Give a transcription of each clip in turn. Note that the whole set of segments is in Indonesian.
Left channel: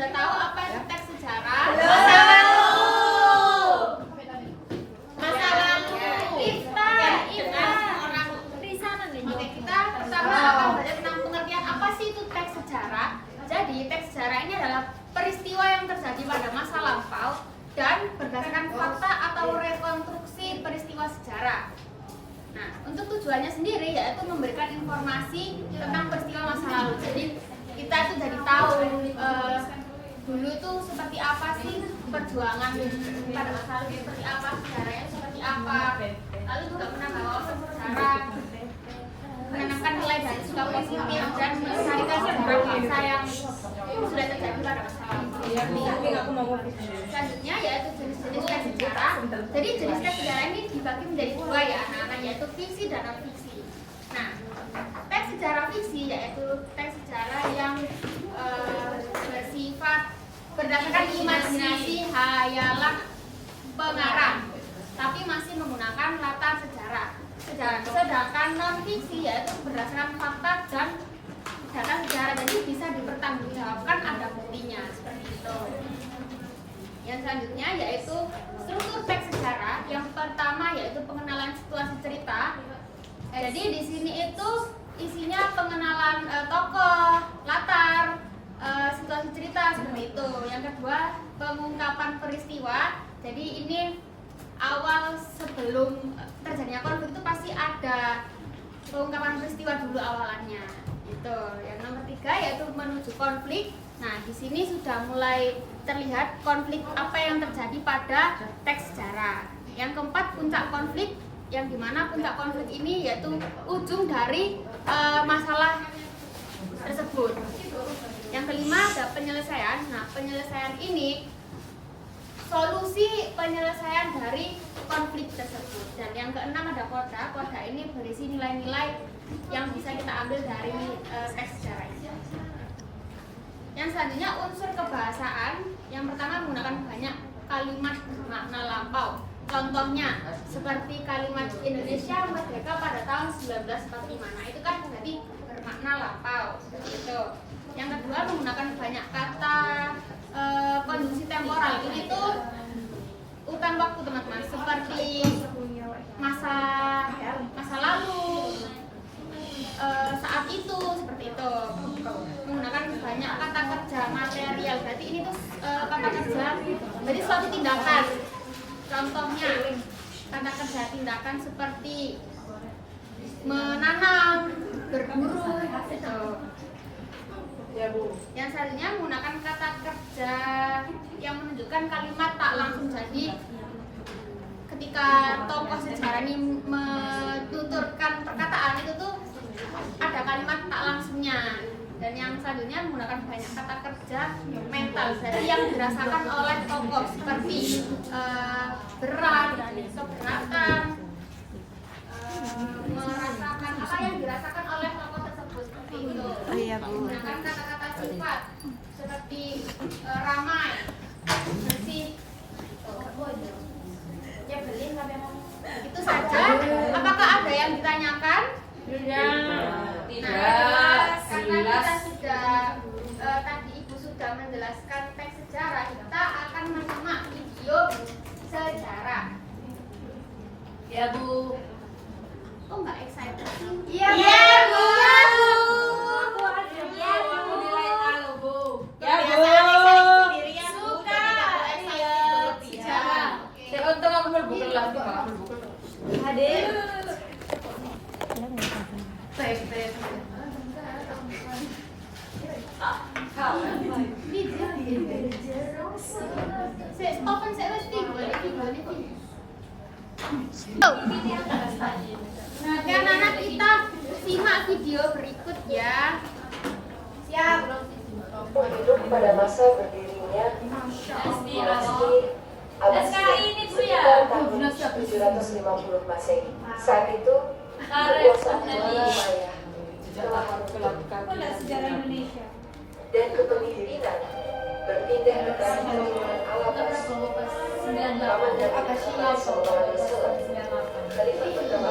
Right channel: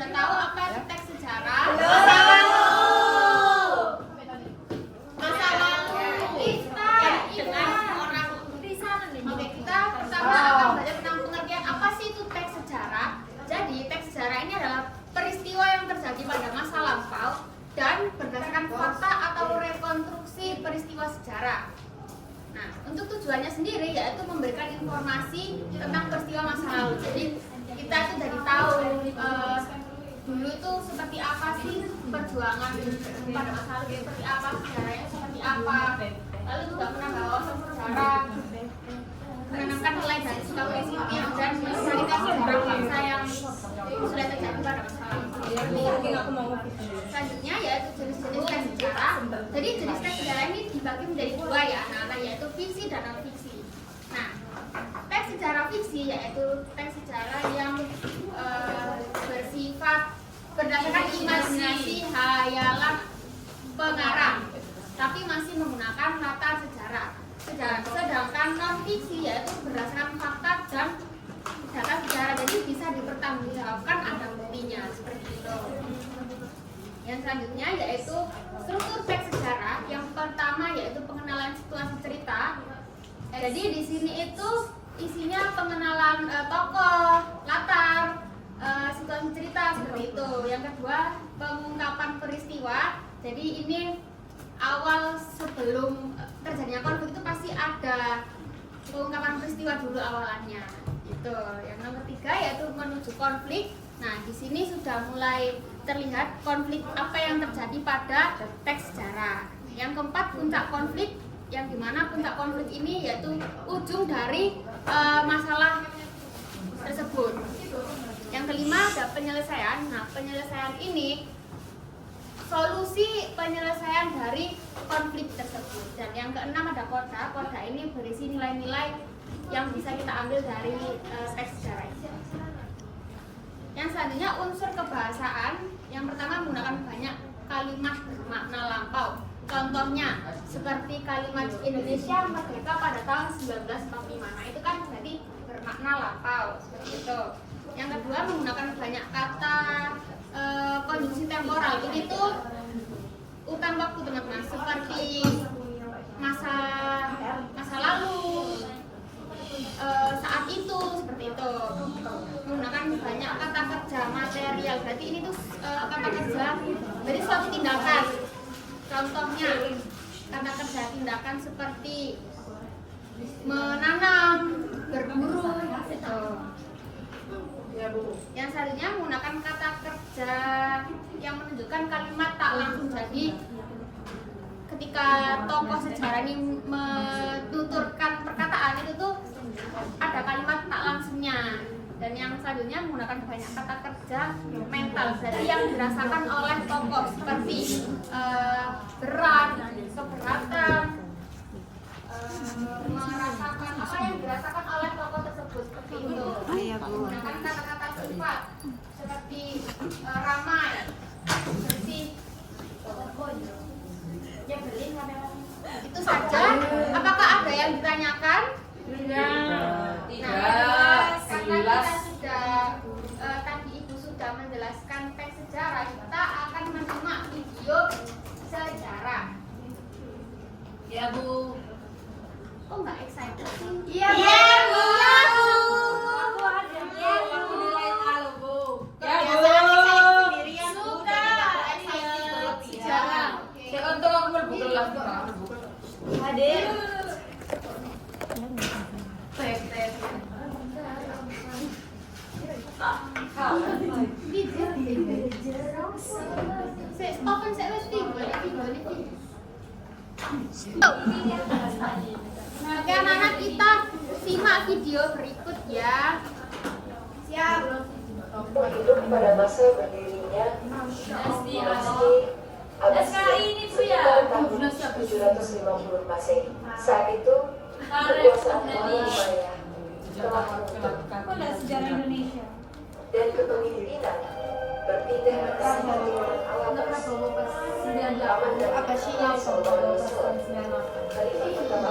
sudah tahu apa itu teks sejarah? Masa lalu. Kita orang risalah nih. Oke, kita pertama akan belajar tentang pengertian apa sih itu teks sejarah. Jadi teks sejarah ini adalah peristiwa yang terjadi pada masa lampau dan berdasarkan fakta atau rekonstruksi peristiwa sejarah. Nah, untuk tujuannya sendiri yaitu memberikan informasi tentang peristiwa masa lalu. Jadi kita itu jadi tahu dulu itu seperti apa sih perjuangan pada masa lalu, seperti apa sejarahnya, seperti apa. Lalu juga penanggalan sejarah, menanamkan nilai dari sikap positif dan melestarikan sejarah bangsa yang sudah terjadi pada masa lalu. Selanjutnya yaitu jenis-jenis teks sejarah. Jadi jenis teks sejarah ini dibagi menjadi dua ya, anak-anak, yaitu fiksi dan non fiksi. Nah, teks sejarah fiksi yaitu teks sejarah yang bersifat berdasarkan imajinasi, hayalan pengarang, tapi masih menggunakan latar sejarah. Sedangkan non fiksi yaitu berdasarkan fakta dan data sejarah, jadi bisa dipertanggungjawabkan, ada buktinya seperti itu. Yang selanjutnya yaitu struktur teks sejarah. Yang pertama yaitu pengenalan situasi cerita. Jadi di sini itu isinya pengenalan tokoh, latar, situasi cerita seperti itu. Yang kedua pengungkapan peristiwa. Jadi ini awal sebelum terjadinya konflik itu pasti ada pengungkapan peristiwa dulu awalannya. Itu. Yang nomor tiga yaitu menuju konflik. Nah, di sini sudah mulai terlihat konflik apa yang terjadi pada teks sejarah. Yang keempat puncak konflik, yang dimana puncak konflik ini yaitu ujung dari masalah tersebut. Yang kelima ada penyelesaian. Nah, penyelesaian ini solusi penyelesaian dari konflik tersebut. Dan yang keenam ada koda. Koda ini berisi nilai-nilai yang bisa kita ambil dari teks sejarah ini. Yang selanjutnya unsur kebahasaan. Yang pertama menggunakan banyak kalimat bermakna lampau. Contohnya seperti kalimat Indonesia merdeka pada tahun 1945. Nah, itu kan berarti bermakna lampau seperti itu. Yang kedua menggunakan banyak kata konjungsi temporal. Ini tuh urutan waktu teman-teman, seperti masa lalu, saat itu, seperti itu. Menggunakan banyak kata kerja material. Berarti ini tuh kata kerja, berarti suatu tindakan. Contohnya kata kerja tindakan seperti menanam, berburu, gitu. Yang selanjutnya menggunakan kata kerja yang menunjukkan kalimat tak langsung. Jadi ketika tokoh sejarah ini menuturkan perkataan itu tuh ada kalimat tak langsungnya. Dan yang selanjutnya menggunakan banyak kata kerja mental, jadi yang dirasakan oleh tokoh seperti berat, keberatan, merasakan apa yang dirasakan oleh tokoh tersebut seperti itu. Menggunakan kata-kata sifat seperti ramai, bersih, ya beling sampai ngomong. Itu saja. Apakah ada yang ditanyakan? Tidak. Karena kita sudah tadi Ibu sudah menjelaskan teks sejarah, kita akan menyimak video sejarah. Ya Bu. Kok nggak excited sih? Iya Bu. Aku nilai A loh Bu. Ya Bu. Sendirian Bu. Suka. Iya. Jarang. Saya untung aku mau buka lagi Pak. Hadir. Open saya wes video. Oke anak-anak, kita simak video berikut ya. Siap. Hidup pada masa berdirinya dinasti Abbasiyah sekitar tahun 750 Masehi. Saat itu kekuasaan Umayyah telah melakukan dan kepemimpinan berpindah ke Kesultanan Al-Abbas. Zaman dan Abbasiyah Khalifah pertama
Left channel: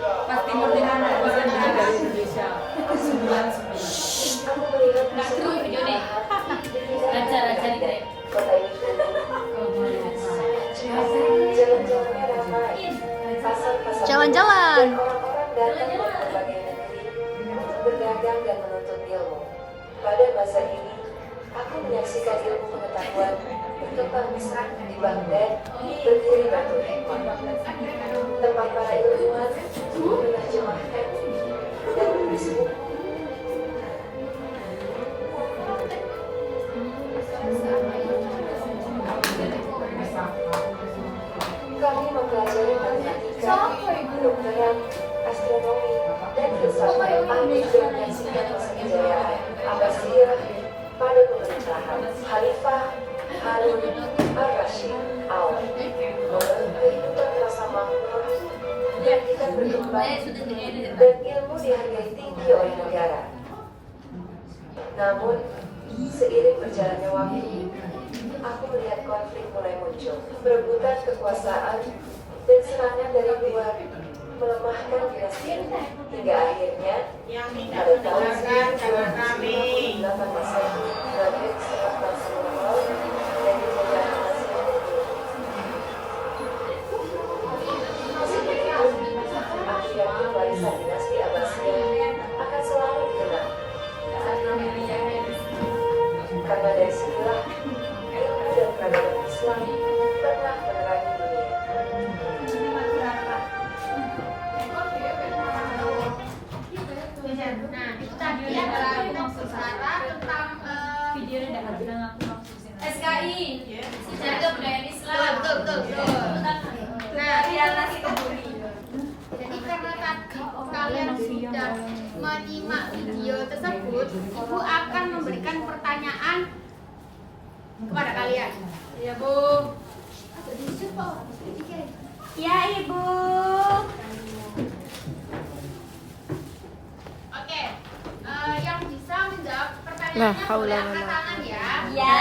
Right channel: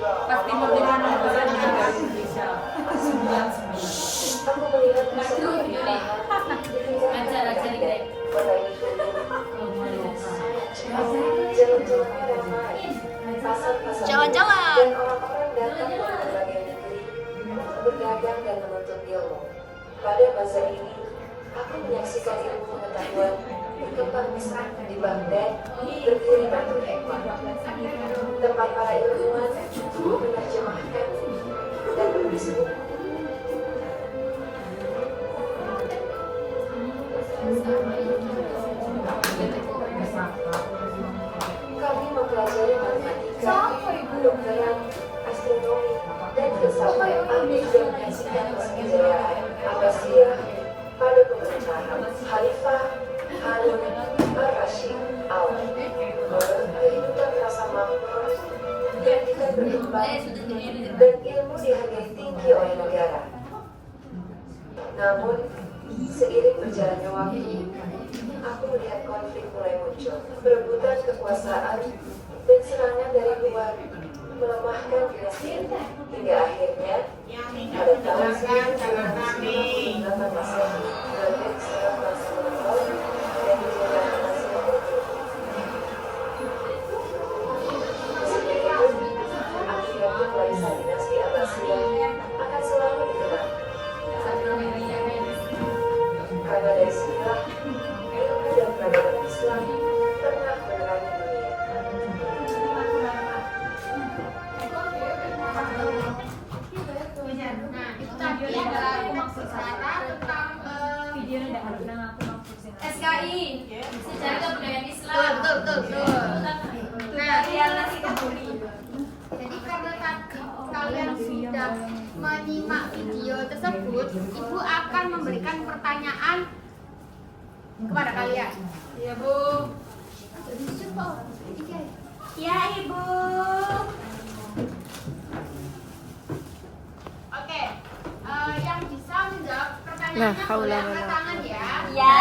Pasti mau dengan dari Indonesia. Aku melihat peserta di kota ini jalan-jalannya ramai, pasar-pasar Jalan-jalan. dan orang-orang datang dari berbagai negeri untuk berdagang dan menuntut ilmu. Pada masa ini, aku menyaksikan ilmu pengetahuan berkembang pesat di Baghdad, berdiri batu hikmah, tempat para ilmuwan menerjemahkan dan menulis buku. Kami mempelajari matematika, kedokteran, astronomi, dan filsafat ambil dan menyaksikan masa kejayaan Abbasiyah pada pemerintahan Khalifah Harun al-Rashid awal. Kehidupan rasa makmur yang kita berkembang dan ilmu dihargai tinggi oleh negara. Namun, seiring berjalannya waktu, aku melihat konflik mulai muncul, perebutan kekuasaan dan serangan dari luar melemahkan dinasti ini, hingga akhirnya pada tahun 1258 Masehi, Baghdad diserang bangsa Mongol dan dijajah Abbasiyah Turki. Meskipun begitu, akibatnya warisan dinasti Abbasiyah akan selalu dikenang. Karena dari sinilah ilmu dan peradaban Islam pernah menerangi dunia. Nah, itu tadi adalah sejarah tentang SKI Sejarah Kebudayaan Islam. betul. Nah, jadi karena kalian sudah menyimak video tersebut, Ibu akan memberikan pertanyaan kepada kalian. Ya, Bu. Ya, Ibu. Oke, yang bisa menjawab pertanyaannya boleh angkat tangan ya. Ya.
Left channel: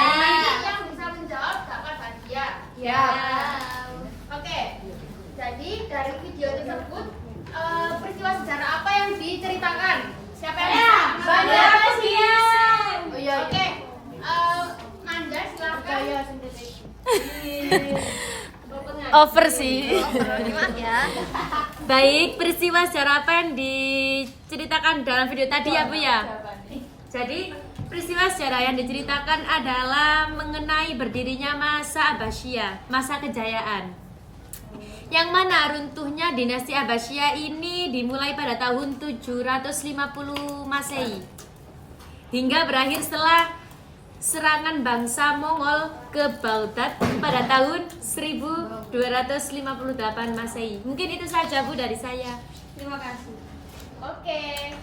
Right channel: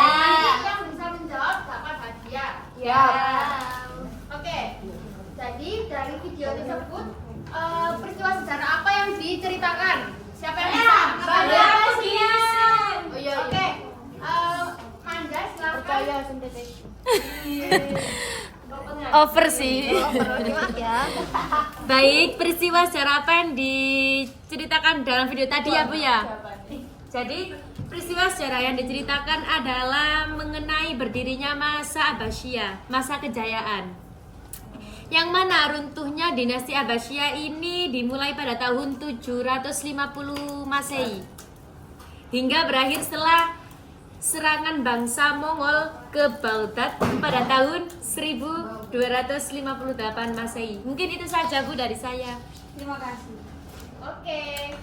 Yang bisa menjawab dapat hadiah. Ya. Oke, jadi dari video tersebut peristiwa sejarah apa yang diceritakan? Siapa yang bisa? Bandar Abbasiyah. Oke, Manda silakan. Over sih. Ya. Baik, peristiwa sejarah apa yang diceritakan dalam video tadi ya Bu ya? Jadi peristiwa sejarah yang diceritakan adalah mengenai berdirinya masa Abbasiyah, masa kejayaan. Yang mana runtuhnya dinasti Abbasiyah ini dimulai pada tahun 750 Masehi hingga berakhir setelah serangan bangsa Mongol ke Baghdad pada tahun 1258 Masehi. Mungkin itu saja Bu dari saya. Terima kasih. Oke.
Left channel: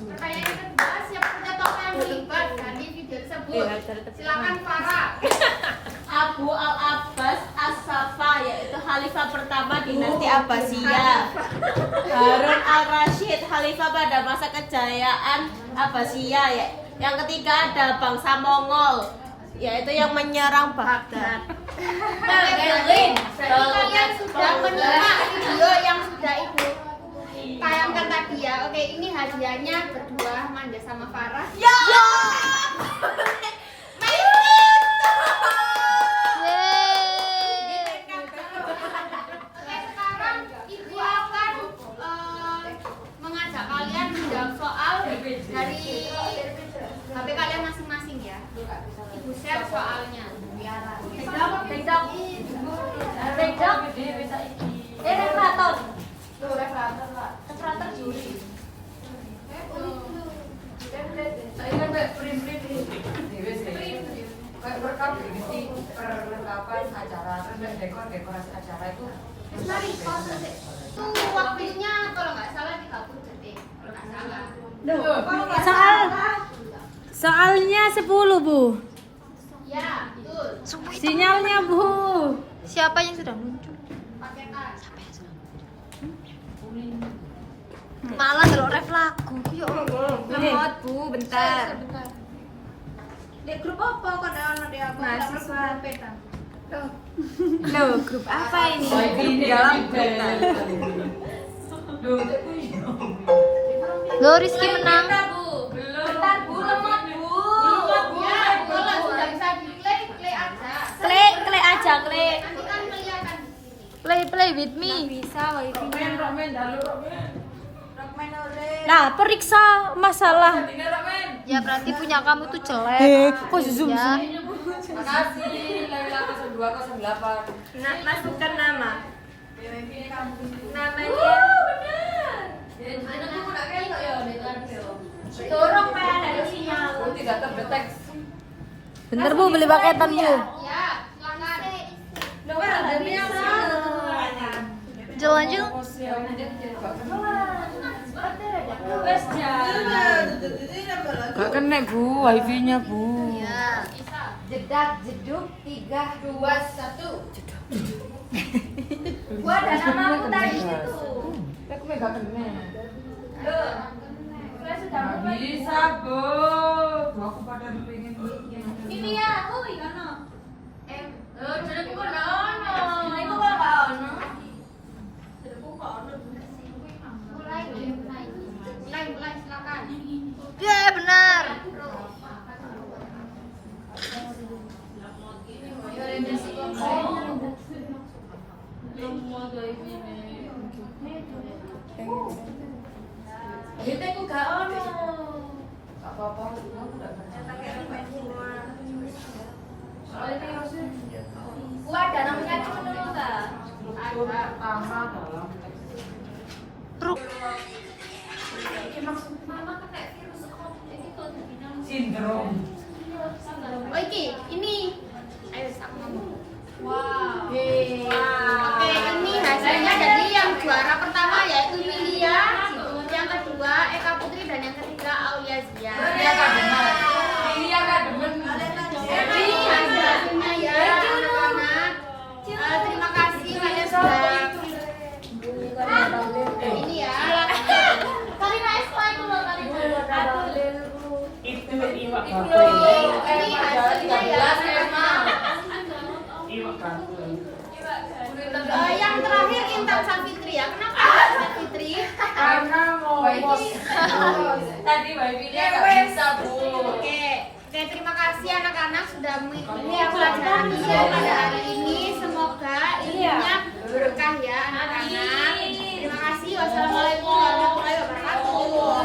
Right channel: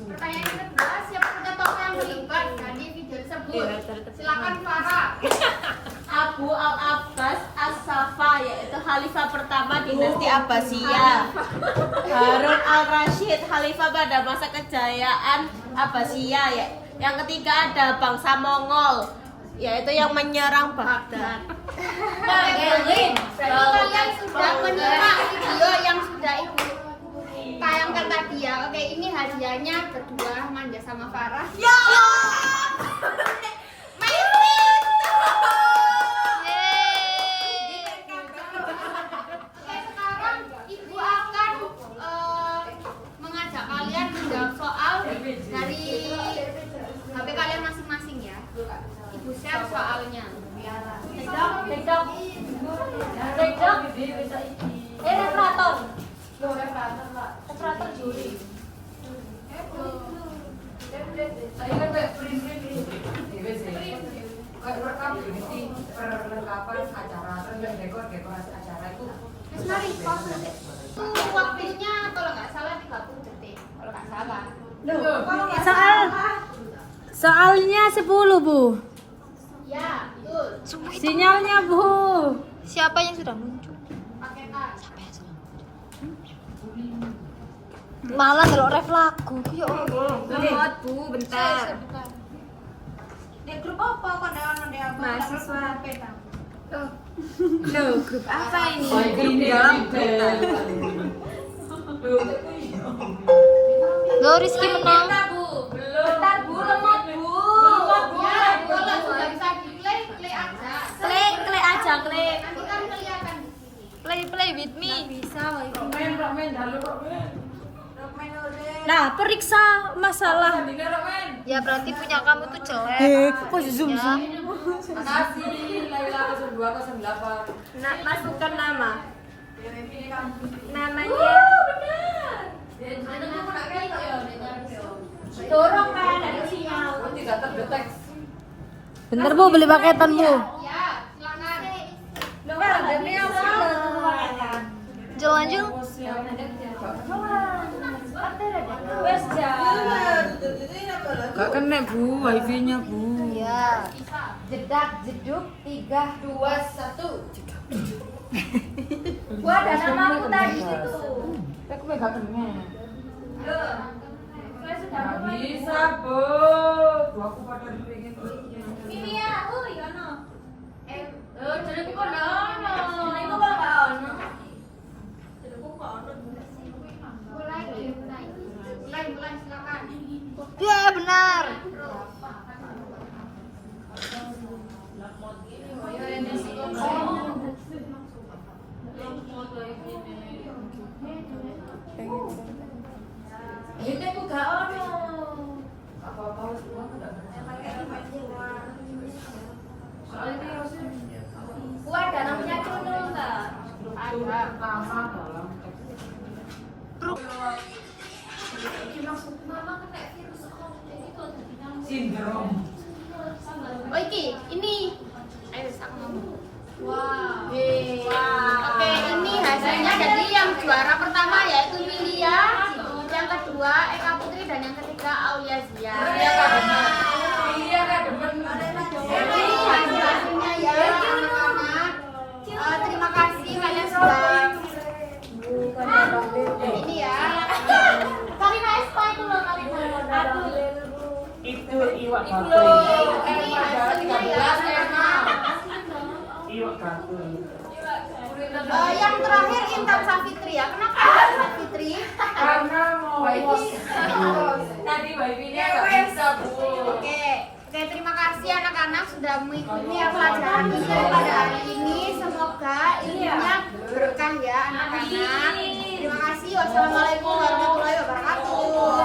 Pertanyaan yang kedua, siapa saja tokoh yang terlibat di video tersebut? Silakan Farah. Abu al-Abbas as-Safa, yaitu khalifah pertama dinasti Abbasiyah. Harun al-Rashid, khalifah pada masa kejayaan Abbasiyah. Yang ketiga ada bangsa Mongol, yaitu yang menyerang Baghdad. Berarti kalian sudah menyimak video yang sudah Ibu tayangkan tadi ya. Oke, ini hadiahnya berdua, Manda sama Farah. Ya! Oke, sekarang Ibu akan mengajak kalian menjawab soal dari HP kalian masing-masing ya. Ibu share soalnya. Perlengkapan acara, dekorasi acara itu. Terus mari pause deh. Waktunya kalau nggak salah 30 detik. Kalau nggak salah. Soalnya 10 Bu. Ya, betul. Sinyalnya Bu. Siapa yang sudah muncul? Pakai tas. Malah kalau ref lagu. Lemot Bu, bentar. Di grup apa kok ada di aku? Mahasiswa. Loh, grup apa ini? Grup dalam Lo Rizky menang. Bentar Bu, lemot Bu. Ya, kalau sudah bisa di play, play aja. Play aja, play. Nanti kan kelihatan. Play with me. Bisa wifi. Rokmen, dalu rokmen. Rokmen ore. Nah, periksa masalah. Tandingnya rokmen. Ya berarti punya kamu tuh jelek. Kok zoom Ya. Makasih, Laila 0208. Nah, masukkan nama. Namanya. Dorong kan ada sinyal. Oh, tidak terdeteksi. Bentar Bu, beli paketan Bu. Ya, silakan. Lo kan ada sinyal. Jalan-jalan. Wes jalan. Gak kena Bu, wifi-nya Bu. Ya. Jedak jeduk 3 2 1. Gua ada namaku tadi situ. Tapi gak kena. Saya sudah Gak mulai. bisa Bu. Aku pada pengen. Mimi ya, ono. Jadi kok ono. Itu kok gak ono. Mulai, silakan. Ya, benar. Itu aku gak ono. Apa-apa harus bilang gak kena. Gua ada namanya Cuno enggak? Struktur pertama dalam sindrom. Oh ini. Ayo aku ngomong. Wow. Oke, ini hasilnya jadi yang juara pertama yaitu Yulia, yang kedua Eka Putri dan yang ketiga Aulia Zia. Iya Kak Demen. Iya Kak Demen. Jadi hasilnya ya anak-anak. Terima kasih kalian sudah ini ya. Karina explain dulu Karina. Itu iwak Ini hasilnya ya. Iwak batu. Yang terakhir Intan Safitri ya. Kenapa Intan Safitri? Karena mau tadi wifi-nya gak bisa Bu. Oke, terima kasih anak-anak sudah mengikuti pelajaran ini pada hari ini. Semoga ilmunya berkah ya anak-anak. Terima kasih. Wassalamualaikum warahmatullahi wabarakatuh.